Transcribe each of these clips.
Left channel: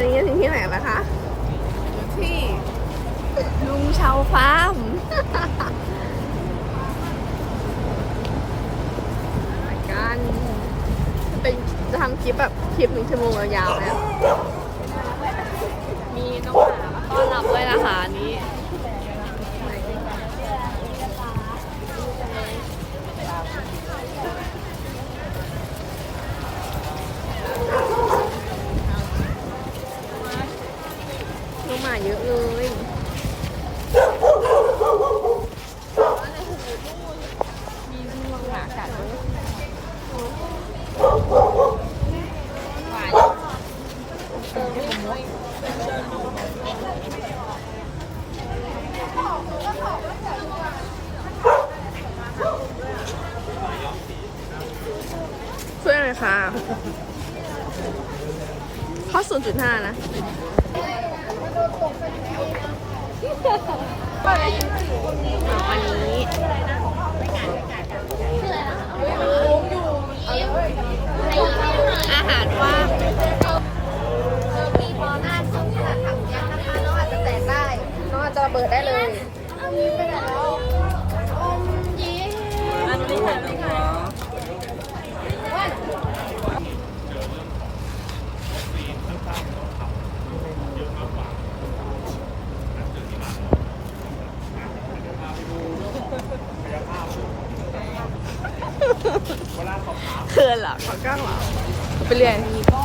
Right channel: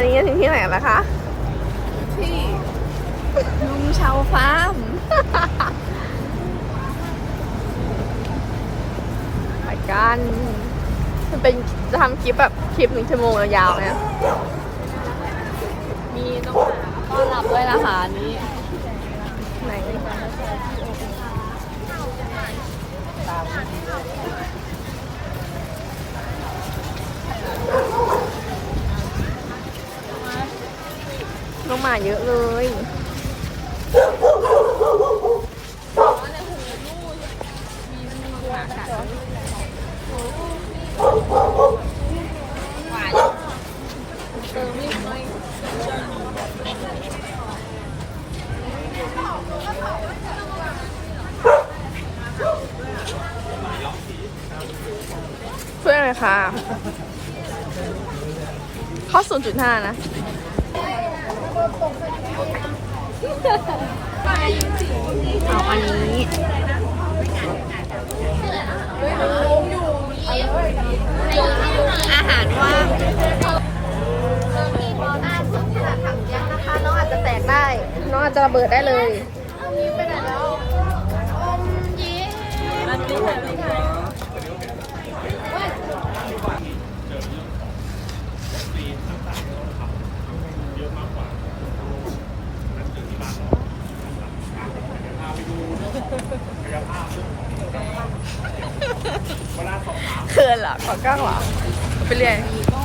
วันนี้ถึงที่ไหนแล้วคะ ที่ลุงชาวฟาร์มไปกันมันเป็นจะทำคลิปแบบคลิปหนึ่งชั่วโมงยาวๆไหมอะมีน้องหมามาต้อนรับด้วยนะคะอันนี่ไหนน้องหาเยอะเลย เพื่อนเลยค่ะข้าศูนย์จุดห้านะ เอาอันนี้อาหารว่างมีพออ่านส้มที่แบบทำเยอะนะคะน้องอาจจะแตกได้น้องอาจจะระเบิดได้เลยอมยิ้มอันนี้ค่ะอันนี้ค่ะ เขินเหรอขอกล้างเหรอเอาไปเรียนนี่ก็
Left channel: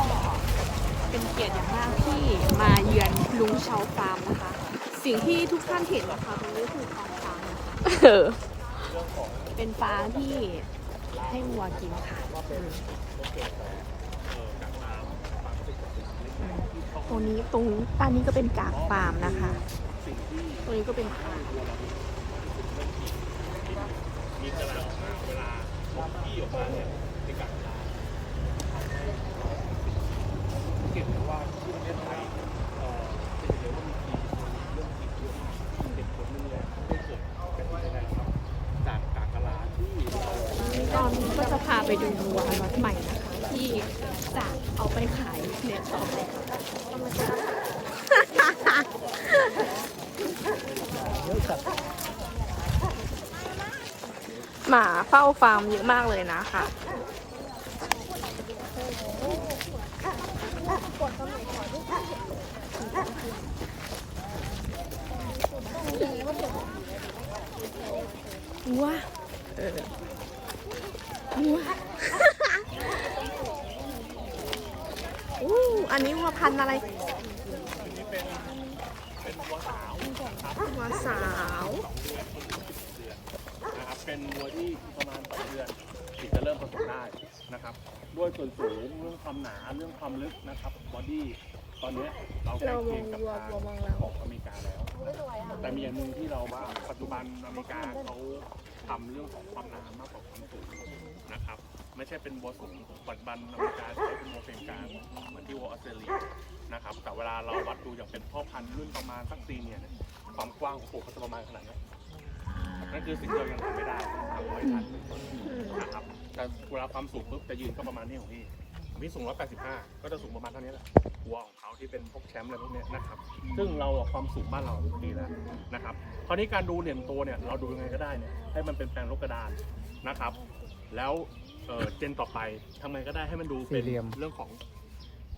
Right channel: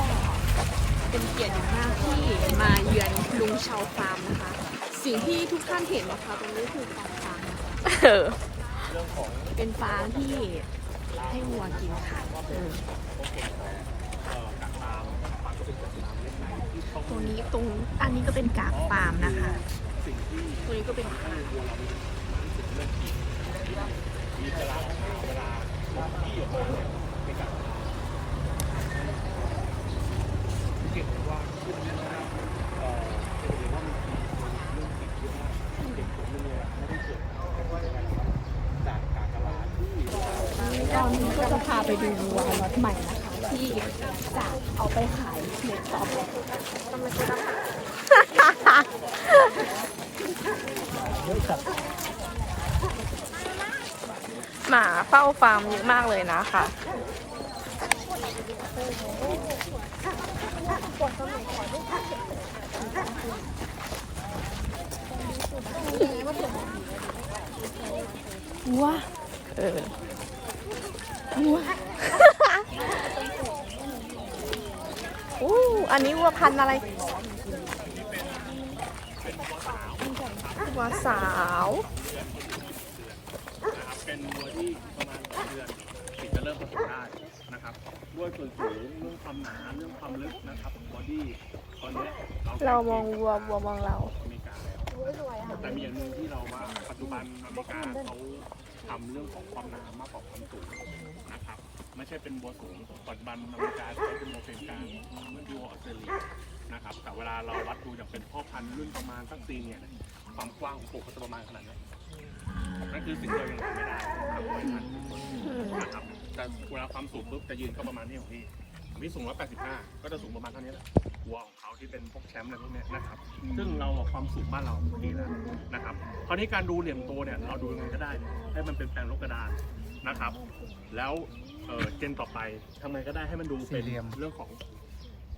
เป็นเกียรติอย่างมากที่มาเยือนลุงชาวฟาร์มนะคะ สิ่งที่ทุกท่านเห็นนะคะตรงนี้คือฟาร์มฟางนะคะ เออเป็นฟางที่ให้วัวกินค่ะอืมตรงนี้ตรงอันนี้ก็เป็นจากฟาร์มนะคะตรงนี้ก็เป็นฟาร์มมีกระลามาเวลาเขาขี้ออกมาเนี่ยในกับเราทำให้วัว เก่งเพราะว่าที่ประเทศไทยเอ่อจะเห็นเลยว่ามีปีโคนเรื่องติดเยอะมากเด็กผมนึงเลยอะไม่ได้เกิดกันที่ไหนหรอกครับ จากกากะลาที่เราตอนนี้ก็จะพาไปดูวัวล็อตใหม่นะคะ ที่จะเอาไปขายในต่อไปหมาเฝ้าฟาร์มเยอะมากเลยนะคะ วัวเออวัวอู้อันนี้วัวพันธุ์อะไรวัวสาวนะครับเป็นวัวที่ประมาณสามเดือนถึงจะเริ่มผสมได้นะครับด้วยส่วนสูงเรื่องความหนาเรื่องความลึกนะครับบอดี้ตอนเนี้ยเรามองวัววัวมองเราอเมริกา แต่มีอย่างหนึ่งที่เราว่าปัจจุบันอเมริกาเขาทำเรื่องของความหนามากกว่าความสูงนะครับ ไม่ใช่เป็นวัวสูงปัจจุบันอเมริกาใช้เป็นวัวเฟรนกลางเหมือนที่วัวออสเตรเลียนะครับ แต่เวลาเราวัดดูอย่างเป็นพ่อพันธุ์รุ่นประมาณสักซีเนี่ยความกว้างของปลูกเขาจะประมาณขนาดนี้นั่นคือสิ่งที่เรายังทำไม่ได้นะครับแต่เวลาความสูงปุ๊บจะยืนก็ประมาณนี้ของพี่นี่สูง185 ก็จะสูงประมาณเท่านี้แหละ วัวของเขาที่เป็นพวกแชมป์อะไรพวกเนี้ยนะครับ ซึ่งเราอะความสูงบ้านเราดีแล้วนะครับคราวนี้การดูเหรียญโตเนี่ยเราดูยังไงก็ได้เนี่ยให้มันเป็นแปลงลบกระดานนะครับ แล้วเอ่อเจนต่อไปทำไงก็ได้ให้มันดูเป็นเรื่องของ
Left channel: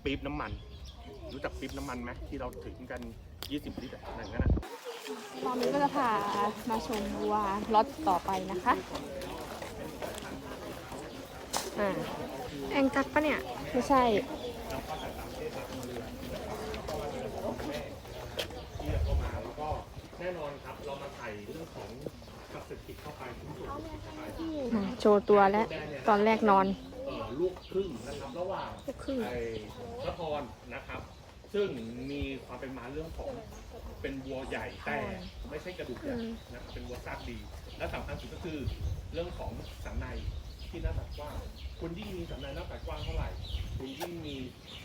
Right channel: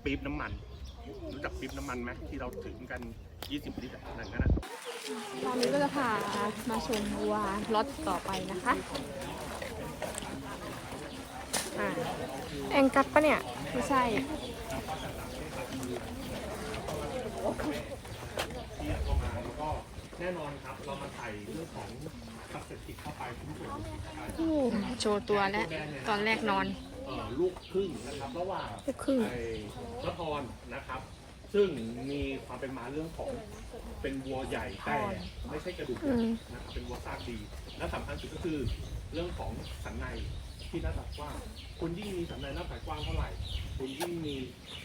ปี๊บน้ำมัน รู้จักปี๊บน้ำมันไหมที่เราถึงกัน 20 ลิตรอะไรอย่างนั้นนะ ตอนนี้ก็จะพามาชมวัวล็อตต่อไปนะคะเออแองกัดปะเนี่ย ไม่ใช่ ที่เข้ามาแล้วก็แน่นอนครับเรามาใส่เรื่องของพลาสติกเข้าไปชิ้นส่วนเข้าไปโชว์ตัวแล้ว ตอนแรกนอน เอ่อลูกครึ่งนะครับระหว่าง ลูกครึ่ง ไอ้ละครนะครับ ซึ่งมีความเป็นมาเรื่องของเป็นวัวใหญ่แต่ไม่ใช่กระดูกใหญ่อืม นะครับเป็นวัวซากดี และสำคัญสุดก็คือเรื่องของสันในที่หน้าตัดกว้างคุณยิ่งมีสันในหน้าตัดกว้างเท่าไหร่ คุณยิ่งมี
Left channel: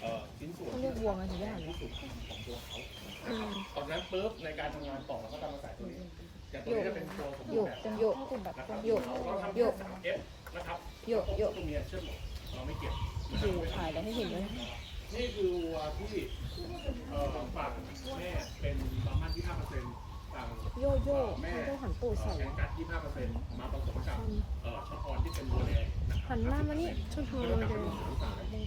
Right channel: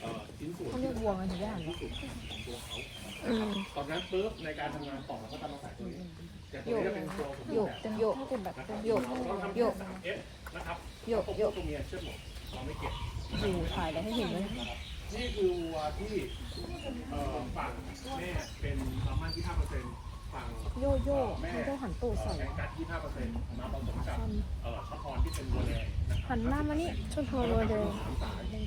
เอ่อชิ้นส่วนที่วัวที่สุดของตัวเขานะครับตอนนั้นปุ๊บในการทำงานต่อเราก็จะมาใส่ตัวนี้อย่างตัวนี้จะเป็นตัวสมบูรณ์แบบนะครับเราทำแค่สามเอฟนะครับโยกโยกตัวเมียเชื่อหมดเราไม่เก็บดูถ่ายกันให้เห็นเลยพนี่คือวัวที่เอ่อฝั่งแม่เป็นบาร์มันที่5% ฝั่งโยโย่เอ่อแม่ไม่ต้องหันตูดใส่แองกัดที่5%มาผสมกับเอ่อช็อตฮอนที่เป็นวัวแดงนะครับหันหน้ามานี่ชนทองโรเดล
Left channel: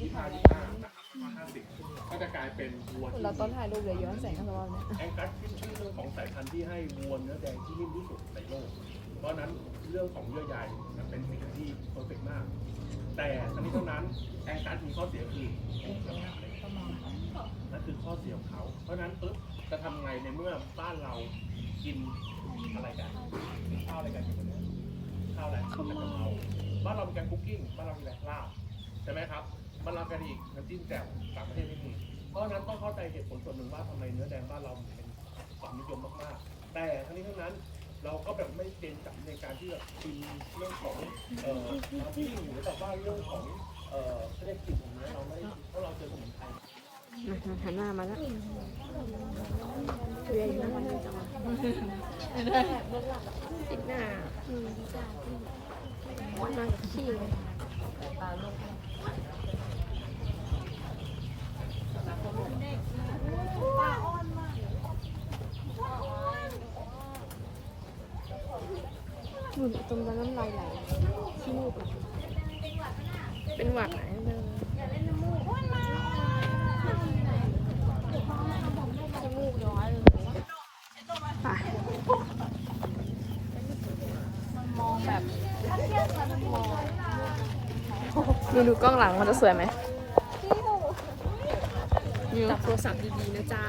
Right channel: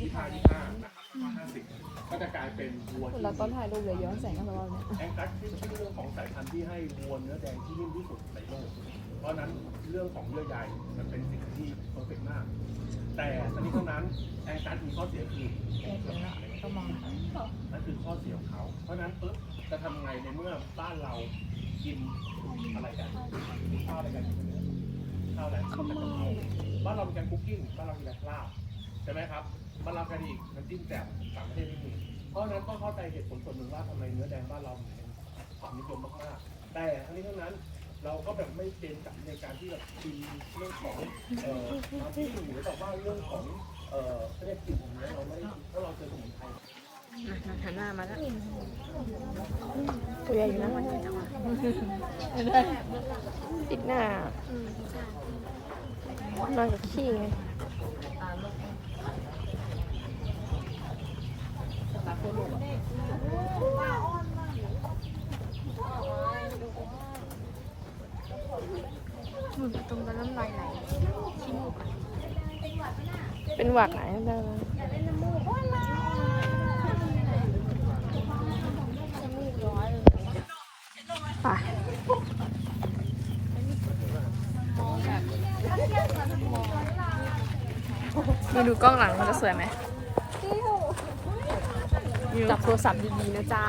ที่5 25นะครับ50ก็จะกลายเป็นวัวที่เราต้องถ่ายรูปเลยย้อนแสงกันตลอดเนี่ยแองกัสขึ้นชื่อเรื่องของสายพันธุ์ที่ให้วัวเนื้อแดงที่นิ่มที่สุดในโลก เพราะฉะนั้นเรื่องของเยื่อใยมันเป็นสิ่งที่เพอร์เฟกมาก แต่ทั้งนี้ทั้งนั้นแองกัสมีข้อเสียคือแองกัสเล็กนั่นคือข้อเสียของเขา เพราะฉะนั้นปุ๊บ จะทำไงในเมื่อบ้านเรากินอะไรกันข้าวอะไรกันอยู่เนี่ยข้าวอะไรข้าวผัดกะเพราบ้านเราเป็นการคุกกิ้งบ้านเราเป็นแบบลาบใช่ไหมครับบ้านเรากันอีกน้ำจิ้มแจ่วต่างประเทศไม่มีเพราะฉะนั้นต้องเข้าใจเหตุผลส่วนหนึ่งว่าทำไมเนื้อแดงบ้านเราถึงเป็นความนิยมมากๆ แต่ทั้งนี้ทั้งนั้นเราก็แบบไม่เป็นกับในการที่จะกินเรื่องของเอ่อน้ำจิ้มหรือแบบว่าเรื่องของเอ่อเขาเรียกกลิ่นของเนื้อเราไม่ได้เพราะเราเจอสมุนไพร มันหันหน้ามาแล้วตัวใหญ่อยู่นะมันจังหวะติดหน้าอืมนอนกับขี้ไงหมุนตรงนั้นน้ำลายไหลขี้มูกอะเป็นหวัดไหนเดินขี้มูกร้อยเลยไป ดูดูกล้องหลังมันจะสวยไหมจับโทรศัพท์ดีๆนะจ๊ะ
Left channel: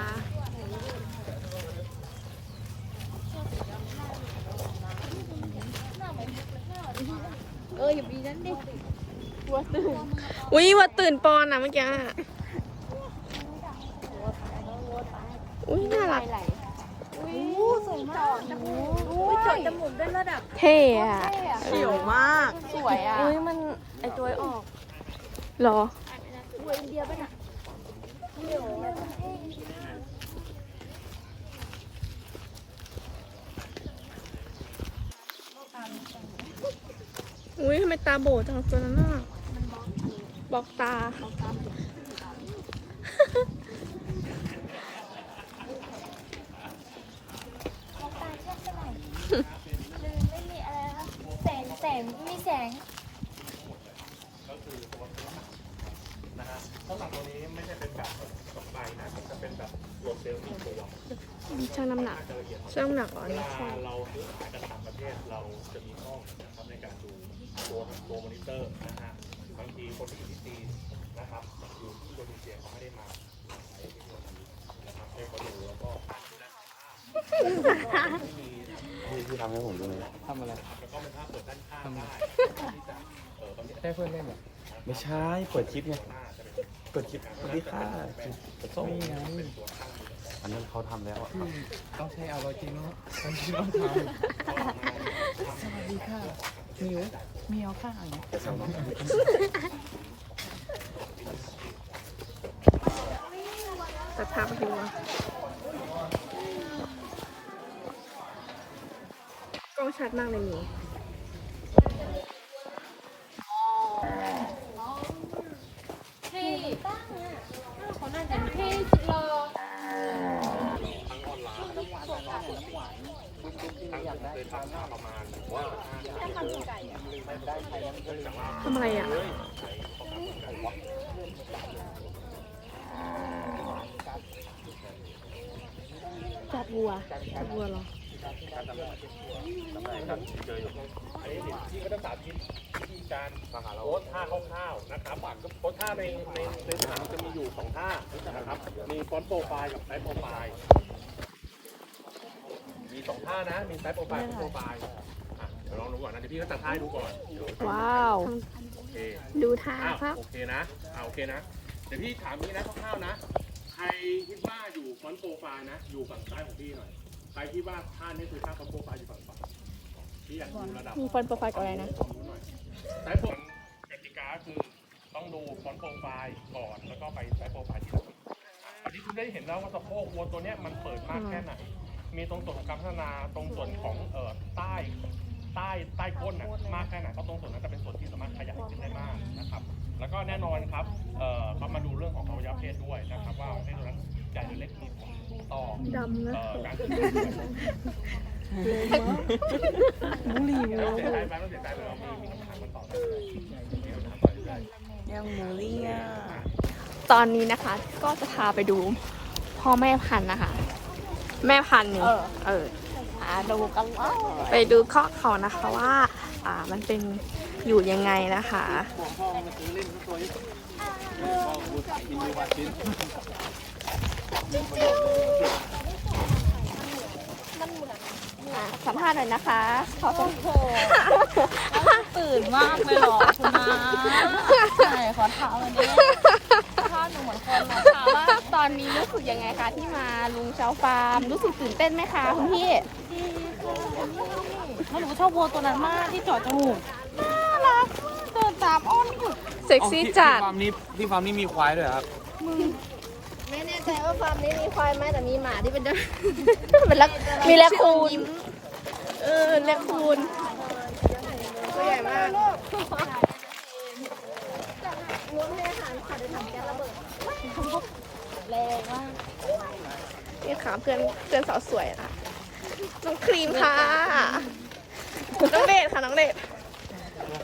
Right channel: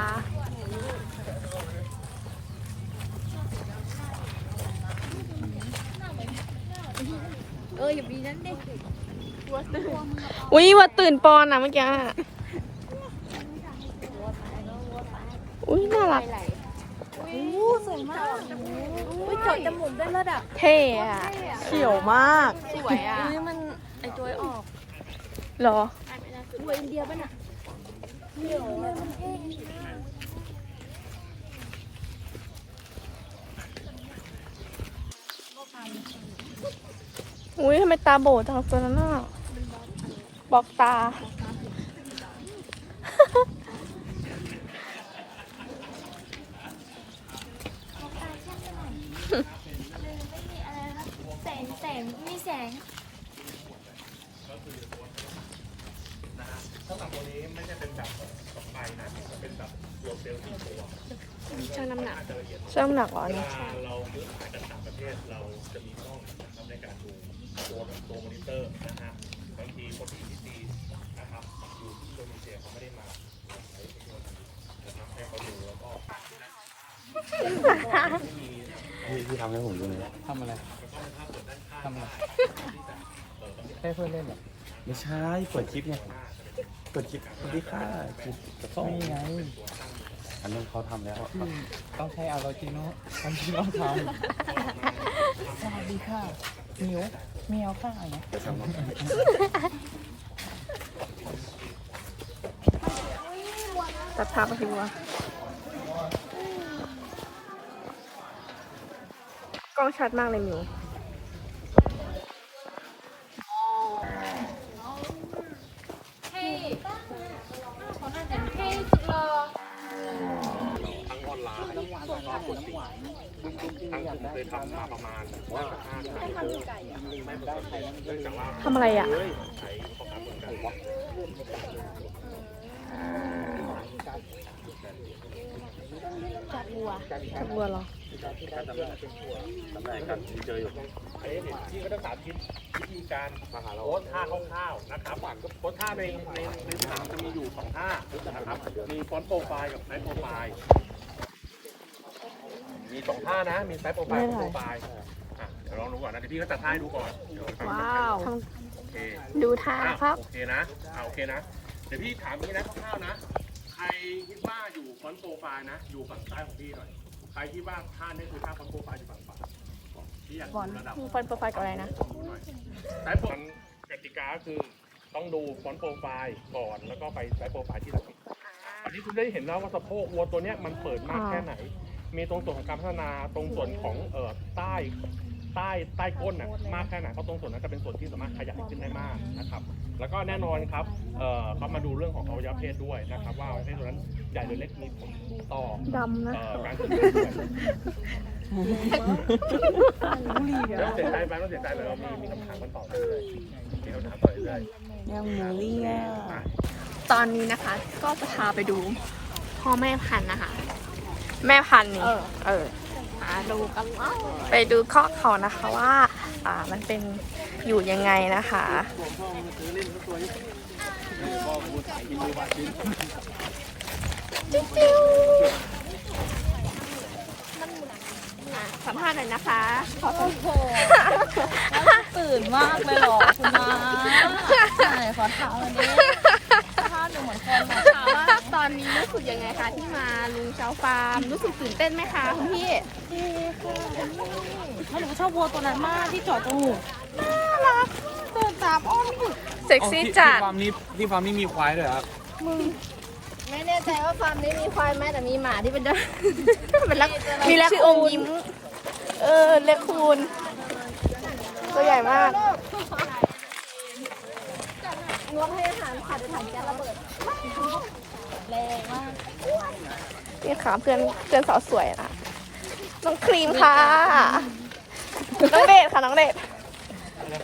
อุ้ยว่าตื่นปอนอะเมื่อกี้อะอุ้ยน่ารักเท่อะเขียวมาก สวยอะอุ้ยมัน ไอจอยออกหรอหัวอินเดียป่ะน่ะอุ้ยทำไมตาโบจังตัวนั้นน่ะบอกตา แสง แสงไม่มีแสง นะฮะถ้ากับ ตัวนี้ไม่ใช่เป็นแบบดอกใบนะจะเป็นแบบตัวเซลล์ที่ตัวช่างน้ำหนักช่างน้ำหนักเหรอเวเนี่ยลาเราซื้ออาหารจากต่างประเทศเราจะมีกล้องนะครับในการดูตัวตัวมอนิเตอร์นะฮะบางทีคนที่อยู่ที่นะครับอยู่ที่อินโดนีเซียเขาไม่ได้มาเดี๋ยวจะนะครับให้เขาดูแล้วก็ที่มีที่ทำให้ผมดูนะทำอะไรทำอะไรใช่เพื่อนเล่นเหรอไม่ใช่กดคลิปไง กดคลิปสวัสดีค่ะคลิปกระส่งนี่ไงอันนั้นเขาทำแล้วที่ต้องใช้ออริจินอลออริจินอลทำสวัสดีค่ะหมิวเมียวค่ะอย่างเงี้ยจะทำน้องตัดภาพไปทีวัวกล้องชัดมากเลยหมิว ให้เขาน่าจะให้รอ ทำอะไรอะ จับวัวจับวัวเหรอนนี้ที่ก็ต้องสาธิตวิธีการโพสท่าคร่าวๆนะครับโพสท่าในในในสนามจะมีอยู่สองท่านะครับมีฟอนต์โปรไฟล์กับไซส์โปรไฟล์มีสองท่านะ มีไซส์โปรไฟล์กับโปรไฟล์อะเดี๋ยวลองดูก่อนนะเดี๋ยวพี่ก็จัดท่าให้ดูก่อนเดี๋ยวว้าวโอเคดูท่าครับโอเคนะอ่าโอเคนะเดี๋ยวพี่ถามนี้นะคร่าวๆนะ รคิดว่าอยู่ฟอนต์โปรไฟล์นะ อยู่ฝั่งซ้ายของพี่หน่อย ใครคิดว่าท่านี้คือท่าฟอนต์โปรไฟล์อยู่ฝั่งขวาพี่อยากดูระดับมีฟอนต์โปรไฟล์กับอะไรนะความรู้หน่อยสายผมกติกาคือต้องดูฟอนต์โปรไฟล์ก่อนแล้วก็ไปสายโปรไฟล์ที่หลังอันนี้คุณได้เห็นแล้วว่าสะโพกวัวตัวเนี้ยมันเปิดมากแค่ไหน มีตรงส่วนของการพัฒนาตรงส่วนของเอ่อใต้ ใต้ใต้ก้นน่ะมากแค่ไหนเพราะตรงส่วนนั้นจะเป็นส่วนที่สามารถขยายขึ้นได้มากนะครับ แล้วก็แน่นอนครับเอ่อเขามาดูเรื่องของอวัยวะเพศด้วยนะครับ ว่าอวัยวะเพศตรงนั้นใหญ่หรือเล็กมีผลต่อดำนะ เอ่อการเกิดลูกด้วยเสียใจไปก็เสียใจไปว่ามีมีคำถามกันต่อเลยเดี๋ยวนะครับต่อเรื่อยๆยังหมูเลี้ยตอนนี้นะคะ ก็จะพาไปดูพ่อแม่พันธุ์นะคะ แม่พันธุ์นี่เออเออมา ดูกันว่าไปดูคอกเขานะคะว่า อ่ามันเป็นอยู่ยังไงนะคะ สัมภาษณ์หน่อยนะคะ ขอสัมภาษณ์ตื่นมากเลยเหรอคุณนาใช่ขอถามอันนี้ภาพหนูเหมือนคน อะถามว่าตอนนี้รู้สึกยังไงคะที่มาลุงเช้าฟาร์มรู้สึกตื่นเต้นไหมคะคุณพี่ดีค่ะคุณนี่หนูชอบวัวตัวนั้นมากที่เจอดจมูกน่ารักเดินตามอ้อมอยู่เซ็กซี่จัดที่ฟาร์มนี้ที่ฟาร์มนี้มีควายด้วยเหรอครับไม่แน่ใจว่าฟาร์มนี้มีควายไหมแต่มีหมาที่เป็นได้เป็นลักมีแลคคูนยิ้มเออแลคคูนตัวใหญ่มากรวมให้อาหารค่ะเดี๋ยวถังแก๊สระเบิด นี่ค่ะเพื่อนเพื่อนสาวสวยค่ะ น้องครีมค่ะ น้องเดชค่ะน้องเดช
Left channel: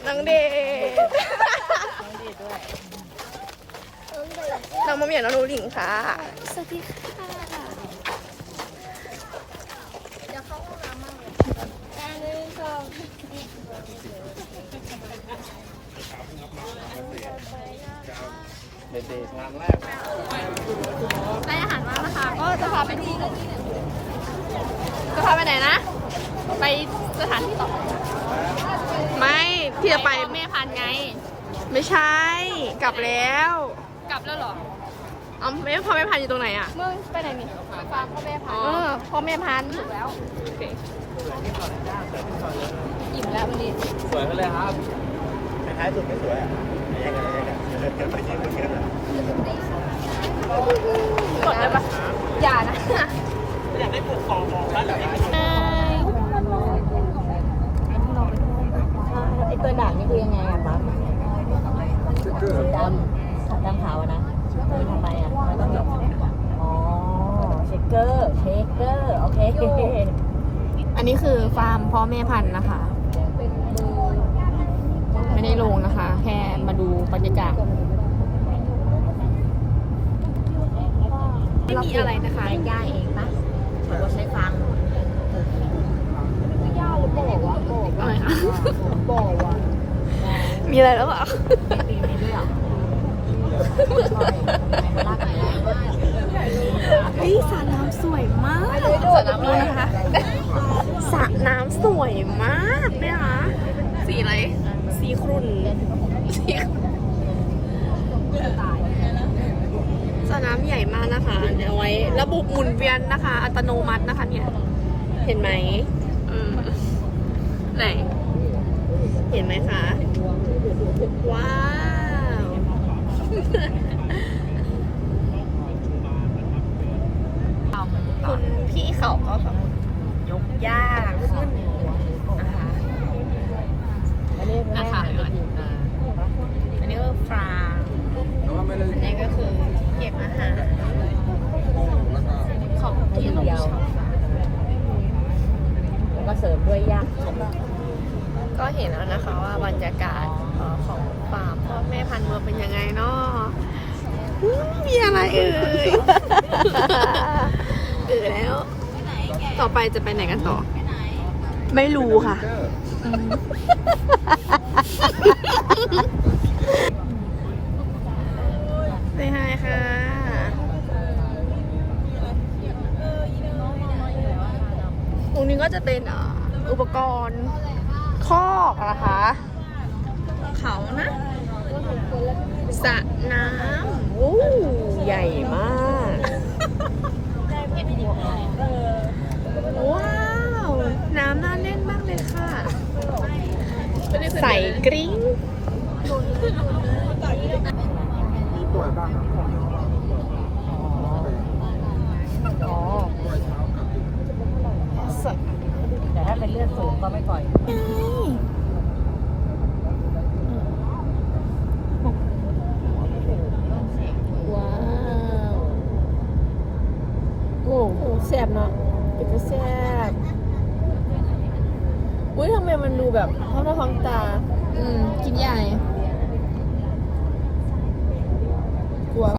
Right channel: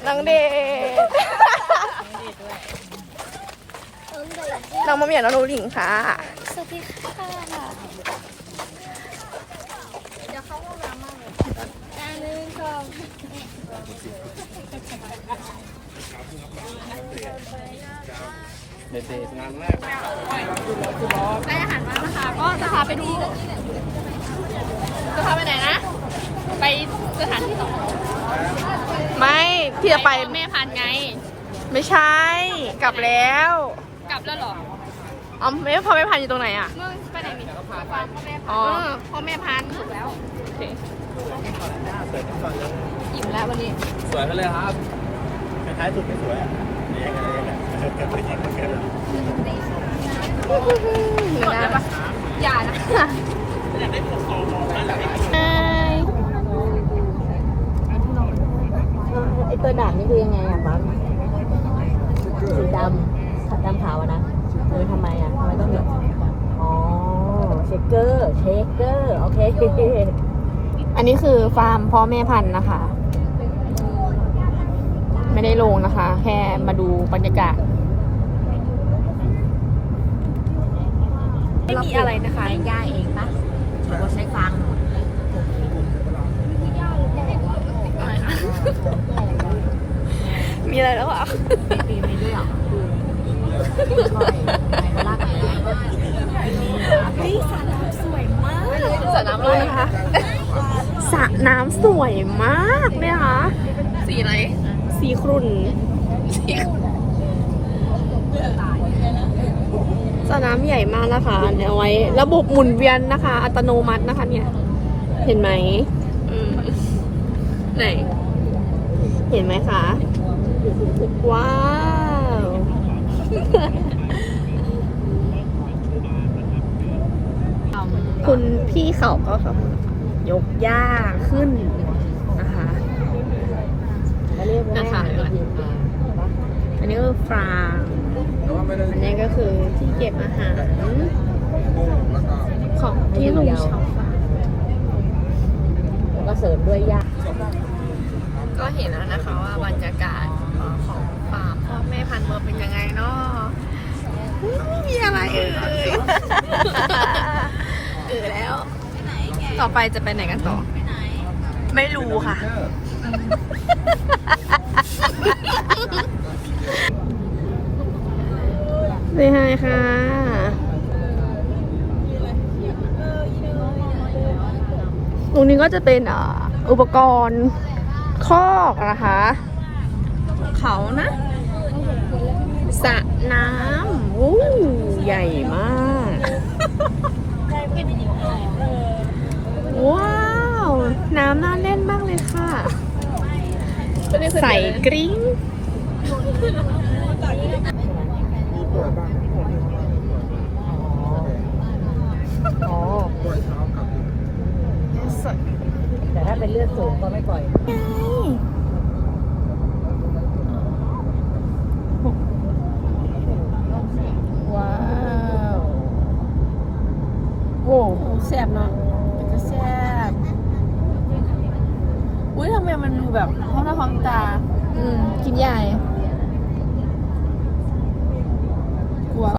น้องเดชน้องมะเหมี่ยวน้องนูหลิงค่ะ สวัสดีค่ะ เด็กๆงานแรกได้อาหารมาแล้วนะคะ ก็จะพาไปดูจะพาไปไหนนะ ไปสถานที่ต่อไปไม่ที่จะไปแม่พันธุ์ไง ไม่ใช่ กลับแล้ว กลับแล้วเหรอเอาไม่พอไม่พันอยู่ตรงไหนอะ มึงไปไหนนี่ฟาร์มพ่อแม่อ๋อพันธุ์พ่อแม่พันธุ์ถูกแล้วโอเคอิ่มแล้ววันนี้ สวยไปเลยครับ อย่านะไอตัวด่างนี่คือยังไงอะบ้างสีดำดำขาวอะนะคือทำไมอะมันแบบอ๋อเชคเกอร์เชคเกอร์โอเคอันนี้คือฟาร์มพ่อแม่พันธุ์นะคะ ไม่ได้ลงนะคะ แค่มาดูบรรยากาศ ไม่มีอะไรนะคะย่าเองนะหรือว่าใช้ฟางหมดอะไรคะมีอะไรแล้วเหรอเฮ้ยสระน้ำสวยมากดูนะคะสระน้ำสวยมากเลยค่ะสีอะไร สีครุ่นสีสระน้ำใหญ่มาก นะคะเดี๋ยวไว้ ระบบหมุนเวียนนะคะ อัตโนมัตินะคะ เนี่ย เห็นไหมไหน เห็นไหมคะว้าวคุณพี่เขาก็แบบยกย่าขึ้นนะคะนะคะ อันนี้ก็คือฟางอันนี้ก็คือ เก็บอาหารของที่ลุงชอบฟาร์มแล้วก็เสริมด้วยยากก็เห็นแล้วนะคะว่าบรรยากาศของฟาร์มพ่อแม่พันธุ์วัวเป็นยังไงเนาะมีอะไรเอ่ยเออแล้ว ต่อไปจะไปไหนกันต่อ ไม่รู้ค่ะ ไม่ให้ค่ะ ตรงนี้ก็จะเป็นอ่าอุปกรณ์คอกนะคะ เขานะสระน้ำอู้ใหญ่มาก ว้าว น้ำน่าเล่นมากเลยค่ะ ใส่กริ้ง มีป่วยบ้างครับผมอ๋อป่วยเช้ากับแต่ถ้าเป็นเลือดสูงก็ไม่ปล่อย